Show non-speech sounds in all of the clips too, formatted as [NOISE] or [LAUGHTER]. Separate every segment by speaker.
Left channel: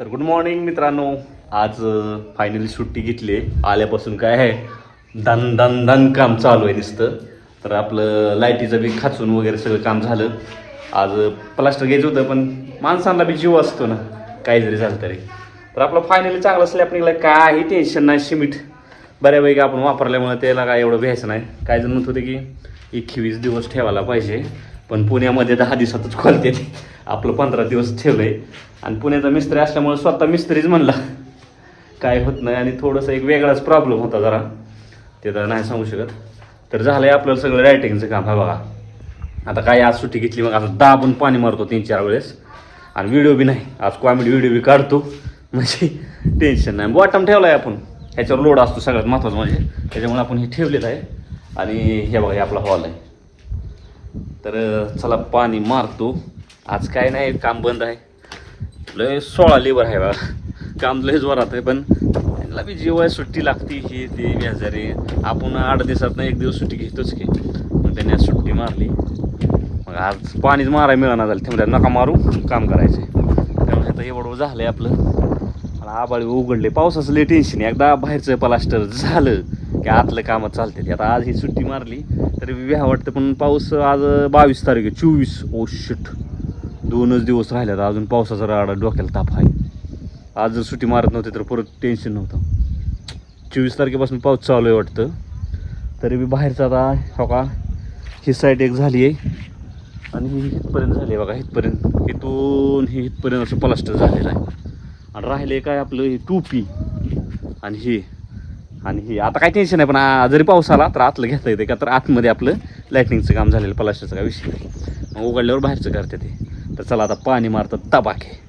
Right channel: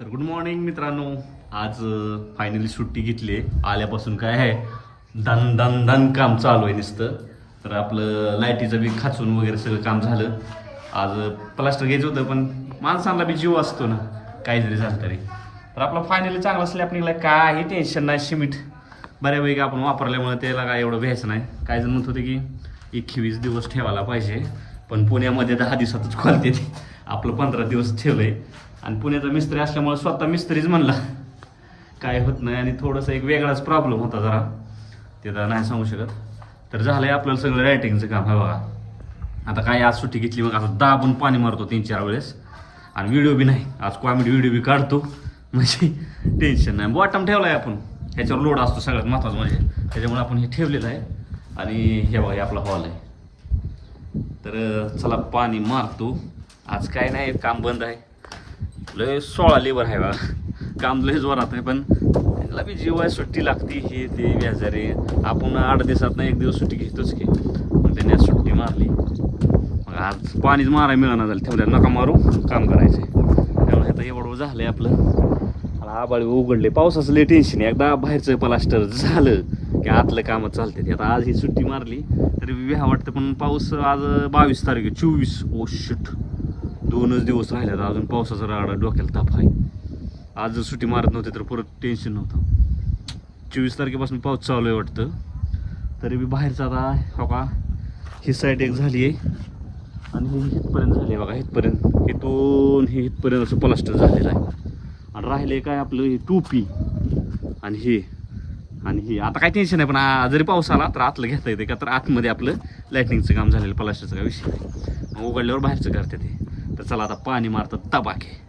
Speaker 1: तर good morning मित्रांनो. आज फायनली सुट्टी घेतली. आहे आल्यापासून काय आहे? धन धन धन काम चालू आहे नुसतं. तर आपलं लाईटीचं बी खाचून वगैरे सगळं काम झालं. आज प्लास्टर घ्यायचं होतं पण माणसांना बी जीव असतो ना काही जरी झालं तरी. तर आपलं फायनली चांगलं स्लॅब आपण काही टेन्शन नाही सिमेंट बऱ्यापैकी आपण वापरल्यामुळे त्याला काय एवढं भ्यायचं नाही. काही जण म्हणत होते की एकवीस दिवस ठेवायला पाहिजे. पण पुण्यामध्ये दहा दिवसातच खोलते ते आपलं पंधरा दिवस ठेवलंय. आणि पुण्याचा मिस्त्री असल्यामुळे स्वतः मिस्त्रीच म्हणला काय होत नाही आणि थोडंसं एक वेगळाच प्रॉब्लेम होता जरा. ते तर नाही सांगू शकत. तर झालंय आपल्याला सगळं रायटिंगचं काम आहे बघा. आता काय आज सुट्टी घेतली मग आता दाबून पाणी मारतो तीन चार वेळेस. आणि व्हिडिओ बी नाही. आज कॉमेडी व्हिडिओ बी काढतो. म्हणजे टेन्शन नाही. बॉटम ठेवला आहे आपण. ह्याच्यावर लोड असतो सगळ्यात महत्त्वाचं म्हणजे. त्याच्यामुळे आपण हे ठेवलेलं आहे. आणि हे बघा हे आपला हॉल आहे. तर चला पाणी मारतो. आज काय नाही काम बंद आहे. लय सोळा लेबर आहे बा. काम लय जोरात आहे पण त्याला बी जेव्हा सुट्टी लागती. हे ते व्याजारे. आपण आठ दिवसात एक दिवस सुट्टी घेतोच की. मग त्याने आज सुट्टी मारली. मग आज पाणीच मारायला मिळणार झालं. तेवढ्या नका मारू. काम करायचे त्यामुळे आता एवढं झालं आहे आपलं. आणि आबाळी उघडले. पावसाचं लय टेन्शन आहे. एकदा बाहेरचं प्लास्टर झालं. की आतलं कामं चालते आता आज ही सुट्टी मारली तरी व्या वाटतं पण पाऊस आज बावीस तारीख आहे चोवीस. ओ शिट दोनच दिवस राहिल्यात अजून पावसाचा राडा डोक्याला ताप आहे. आज जर सुट्टी मारत नव्हती तर परत टेन्शन नव्हतं. चोवीस तारखेपासून पाऊस चालू आहे वाटतं. तरी बी बाहेरचा आता हो का ही साईड एक झाली आहे. आणि ही इथपर्यंत झाली आहे बघा इथपर्यंत. इथून हे इथपर्यंत असं प्लास्टर झालेलं आहे. आणि राहिले काय आपलं हे टोपी. आणि हे. आणि हे आता काही टेन्शन नाही पण जरी पाऊस आला तर आतलं घेता येते का? तर आतमध्ये आपलं लाईटनिंगचं काम झालेलं पलाशाचं काय विषय नाही. मग उघडल्यावर बाहेरचं करते ते. तर चला आता पाणी मारतं तबाखे.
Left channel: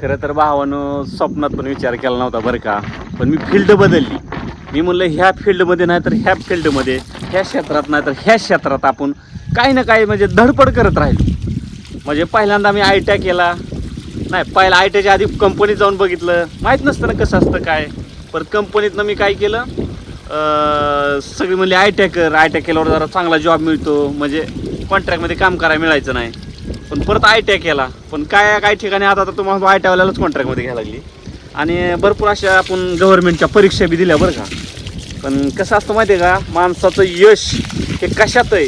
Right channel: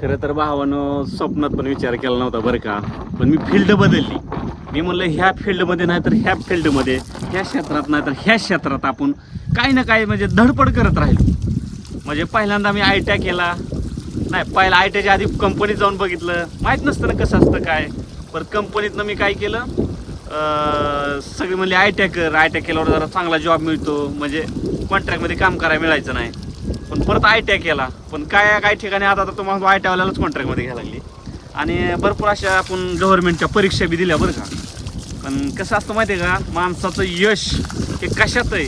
Speaker 1: खरं तर भावानं स्वप्नात पण विचार केला नव्हता बरं का पण मी फील्ड बदलली. मी म्हणलं ह्या फील्डमध्ये नाही तर ह्या फील्डमध्ये ह्या क्षेत्रात नाही तर ह्या क्षेत्रात आपण काही ना काही म्हणजे धडपड करत राहिलो. म्हणजे पहिल्यांदा मी आय केला. नाही पहिला आय आधी कंपनीत जाऊन बघितलं. माहीत नसतं ना कसं असतं काय. परत कंपनीतनं मी काय केलं? सगळी म्हणली आय टी कर आय टी केल्यावर जरा चांगला जॉब मिळतो. म्हणजे कॉन्ट्रॅक्टमध्ये काम करायला मिळायचं नाही. पण परत आय टी केला. पण काय काही ठिकाणी आता तर तुम्हाला आय टीवाल्यालाच कॉन्ट्रॅक्टमध्ये घ्यायला लागली. आणि भरपूर अशा आपण गव्हर्नमेंटच्या परीक्षा बी दिल्या बरं का. पण कसं असतं माहिती आहे का? माणसाचं यश हे कशात आहे?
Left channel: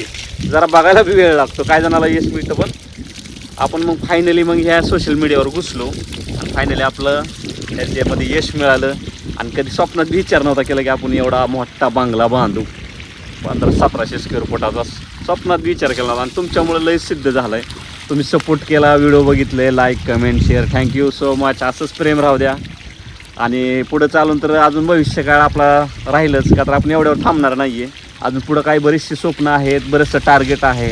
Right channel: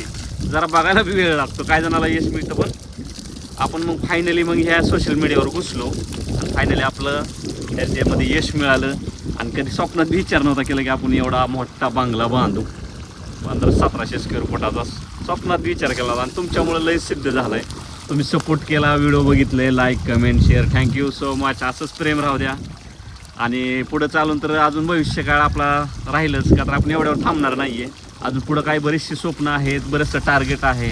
Speaker 1: जरा बघायला बी वेळ लागतो. काय जणाला यश मिळतं पण. आपण मग फायनली मग ह्या सोशल मीडियावर घुसलो. आणि फायनली आपलं त्यांच्यामध्ये यश मिळालं. आणि कधी स्वप्नात विचार नव्हता केला की आपण एवढा मोठा बांगला बांधू. पंधरा सतराशे स्क्वेअर फुटाचा स्वप्नात विचार केला आणि तुमच्यामुळे लय सिद्ध झालंय. तुम्ही सपोर्ट केला व्हिडिओ बघितले like comment share thank you so much असंच प्रेम राहू द्या. आणि पुढं चालून तर अजून भविष्यकाळ आपला राहीलच का तर आपण एवढ्यावर थांबणार नाही आहे अजून पुढं काही बरीचशी स्वप्न आहेत बरेचसं टार्गेट आहे.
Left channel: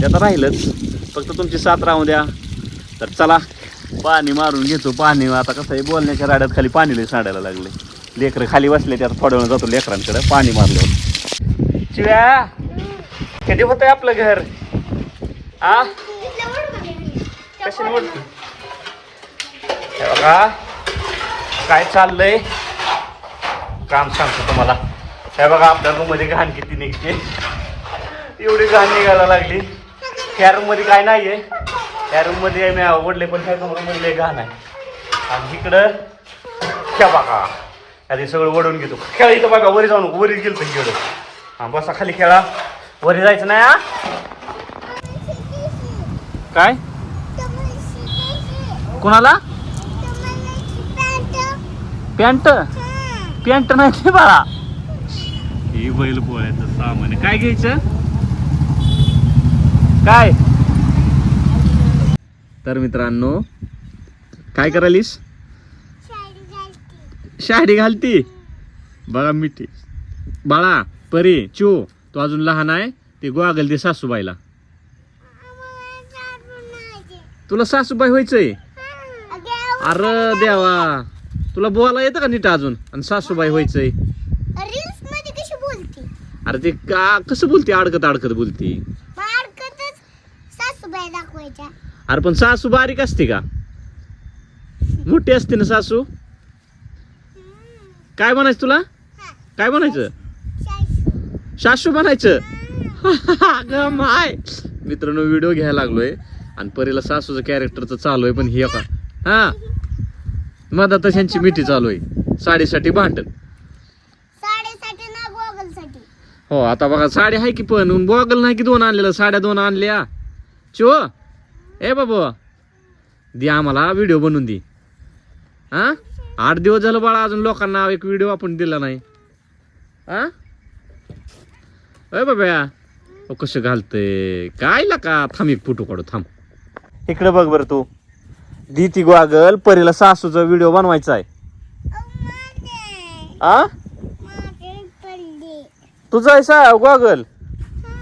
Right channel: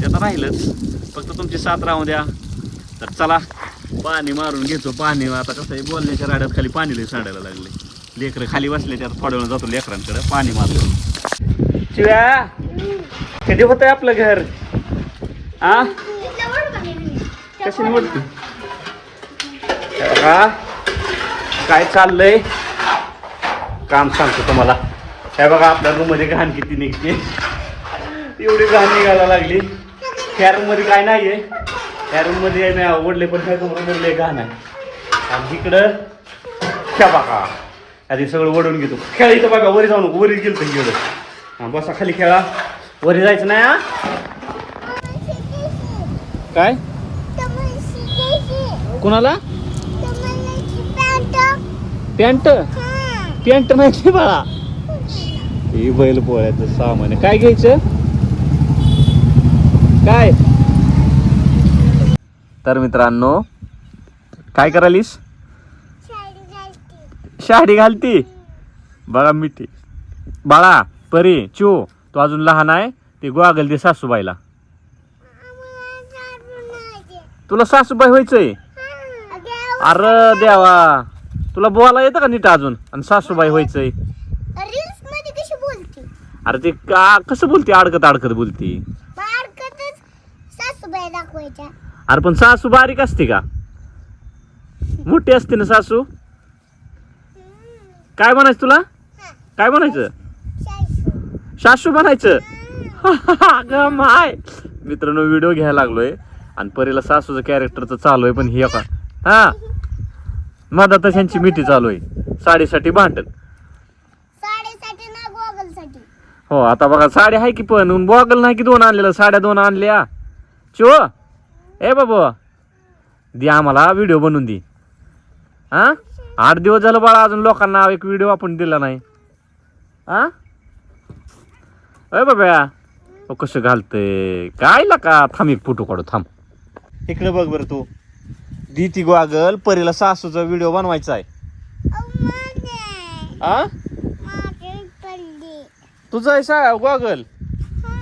Speaker 1: ते आता राहीलच. फक्त तुमची साथ राहू द्या. तर चला पाणी मारून घेतो पाणी. आता कसं आहे बोलण्याच्या राड्यात खाली पाणी लई सांडायला लागले लेकरं खाली बसले त्यात थोड्या वेळ जातो लेकरांकडे पाणी मारलं चिव्या कधी होत आहे आपलं घर? आ? कशी निवडते? हे बघा काय चाललंय? काम सांगतो तुम्हाला. हे बघा आपल्या रूममध्ये घाण किती निघते. एवढी घाण निघायला लागली. त्या रूममध्ये काय नाहीये. त्या रूममध्ये नाही आवडले पण त्या रूममध्ये घाण आहे. आणि इकडं ह्या बघा. आधी सगळं वडून घेतो. खेळा इथं बघा वरी जाऊन वरीच गेलो तुमच्याकडं हा बसा खाली खेळा. वरी जायचं नाही हा? काय? कुणाला? पॅन्ट? पॅन्ट नाही की बाळा. ही बैल पोळ्याचं सामान काय घ्यायचं? काय? तर मित्रांनो काय करालीस शाडी घालती. बघा मिठी. बाळा परी चो तो अजून लहान आहे ते गोगल दे सासूबाईला. तुला सासूबाई व्हायचंय? अरे देवा. तुला बोला येतं का नीट अजून? आणि सासूबाई व्हायचंय? अरे ते का कसं बोलते? अडकत अडकत बोलते. अरे पण सासू बारीक असते का? मोठी असते ना सासू? काय म्हणायचं तुला? काय म्हणायचं? सासू म्हणायचं? अगं माय. मित्रांनो व्हिडिओ घ्यायला लागलोय. आणि परीला सासूचं कॅरेक्टरचं चालू आहे पण हे का हा. मधातच ह्यांची मिठी चालू आहे. साडीसाठी भांडण. हो आता बघा साडी आहे की पण बॉगल नाही की दोन आणलेलं साड्या दोन आणल्या. चो. ए बाबा दे आम्हाला व्हिडिओ बनवून दे. हा आठ दिवस झालं बाळा अजून लोकांना एक व्हिडिओ आपण दिला नाही. हा अय बाबा अहो, कसं घालतंय? काय का? थांब एक फोटो काढू थांब. इकडे बघ बरं तू. दी ती गोगल परीला सासूचा व्हिडिओ बनवायचा आहे. आ? तुझा आहे सा गोगल.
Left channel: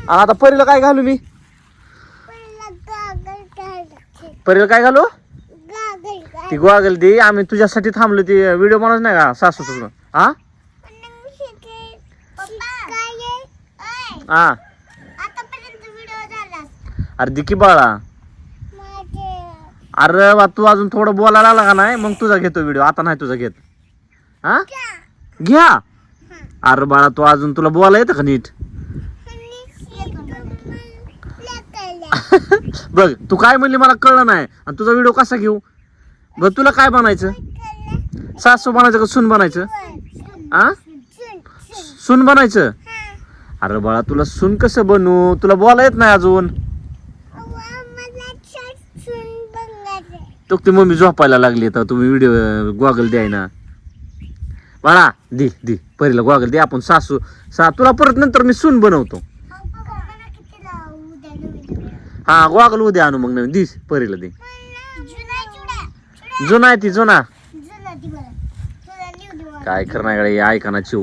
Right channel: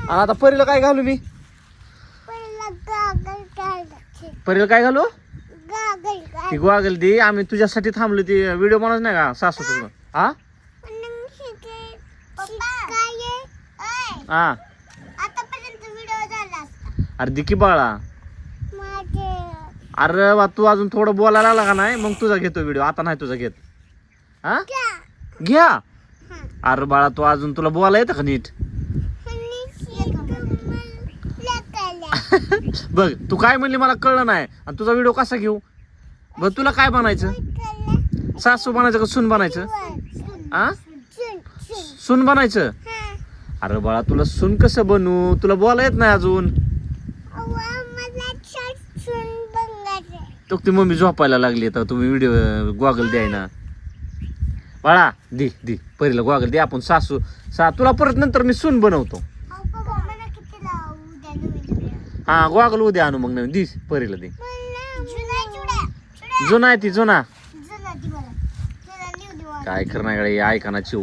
Speaker 1: आणि आता परीला काय घालू मी
Speaker 2: पहिला गागल काढायचे
Speaker 1: परीला काय घालू? ती गोगल दे. आम्ही तुझ्यासाठी थांबलो ती व्हिडिओ बनवत नाही का सासू तुझं हा. हा अरे दे की बाळा. अरे बा तू अजून थोडं बोलायला आला का नाही? मग तुझा घेतो व्हिडिओ. आता नाही तुझा घेत. हा? घ्या. अरे बाळा तू अजून तुला बोला येतं का नीट? [LAUGHS] बघ तू काय म्हणली मला कळलं नाही. आणि तुझा व्हिडिओ कसा घेऊ? बघ तुला काय बनायचं? सासू बनायचं का सून बनायचं? आ? सून बनायचं? अरे बाळा तुला सून कसं बनवू तुला बोला येत नाही अजून. तो ती मम्मी झोपायला लागली तर तुम्ही व्हिडिओ गॉगल द्याय ना. बाळा दे दे पहिला गॉगल दे. आपण सासू सा तुला परत नंतर मी सून बनवतो. हा गॉगल उद्या आणू मग नवीन. दिस परीला दे. जुना आहे ती जुना. काय करणार गड्या, हे ऐका ना चिव.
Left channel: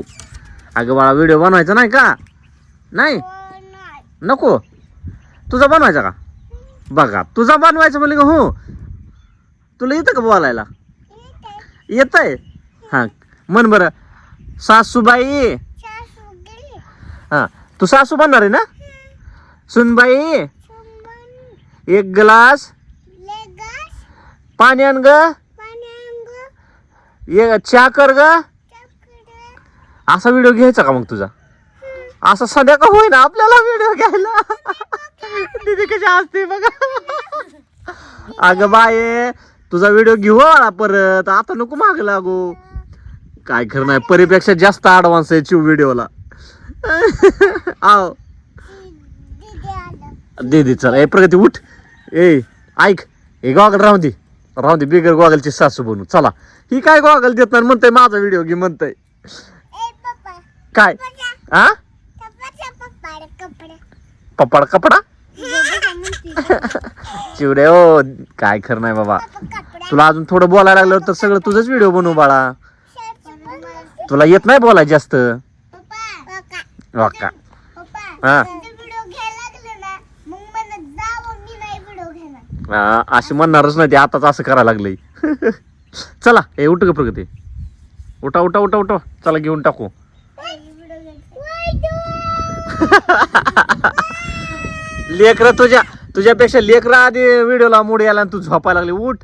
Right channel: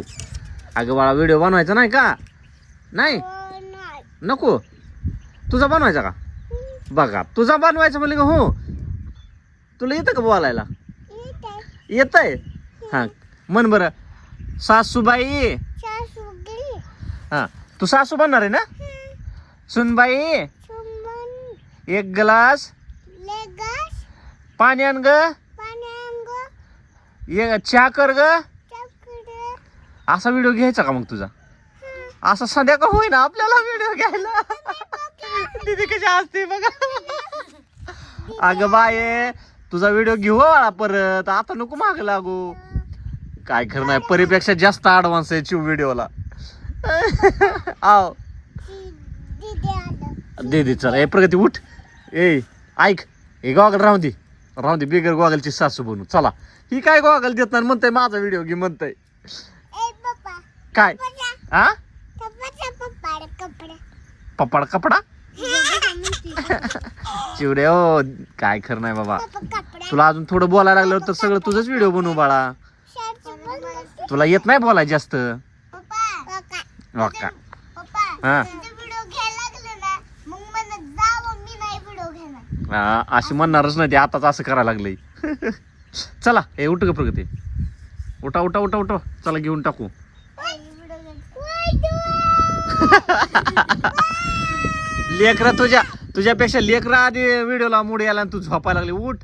Speaker 1: अगं बाळा व्हिडिओ बनवायचा नाही का? नाही? नको? तुझा बनवायचा का? बघा तुझा बनवायचा म्हणजे का हो. तुला येतं का बोलायला? येत आहे हा म्हण बरं. सासूबाई. हा तू सासू बनणार आहे ना? सुनबाई. एक ग्लास. पाणी आण ग. चहा कर ग. असा व्हिडिओ घ्यायचा का मग तुझा? असं सध्या का होईना आपल्याला व्हिडिओ घ्यायला? तिथे कशी असते बघा. अगं बाये तुझा व्हिडिओ घेऊ परत. आता नको माग लागू. काय खरं नाही परीपेक्षा जास्त ऍडव्हान्स आहे चिव व्हिडिओला. आव. दे दे चल. ए प्रगती उठ. ए ऐक ए गॉगल राहून दे. राहून दे बिगर गॉगलची सासू बनू. चला. ही काय गॉगल देत नाही म्हणतंय माझा व्हिडिओ घे म्हणतंय. काय? हा
Speaker 2: कपडे.
Speaker 1: पप्पाड कपडा? चिवडे हो काय खरं नाही बाबा. तुला अजून थोडं बोलायला लागलं तर सगळं तुझंच व्हिडिओ बनवू बाळा. तुला येत नाही बोलाय जास्त? वाका हा.
Speaker 2: व्हिडिओ घ्यायला लागले ना मग मला जावं मी नाही व्हिडिओ घेणार
Speaker 1: हा, अशी म्हणणारच नाही ते आताच असं करायला लागलंय चला हे उठ ग प्रगती. उठा उठा उठा उठा. चला घेऊन टाकू. लेकर तुझ्या तुझ्यापेक्षा लेकर आधी व्हिडिओला मूड यायला आणि तू झोपायला लागली. उठ.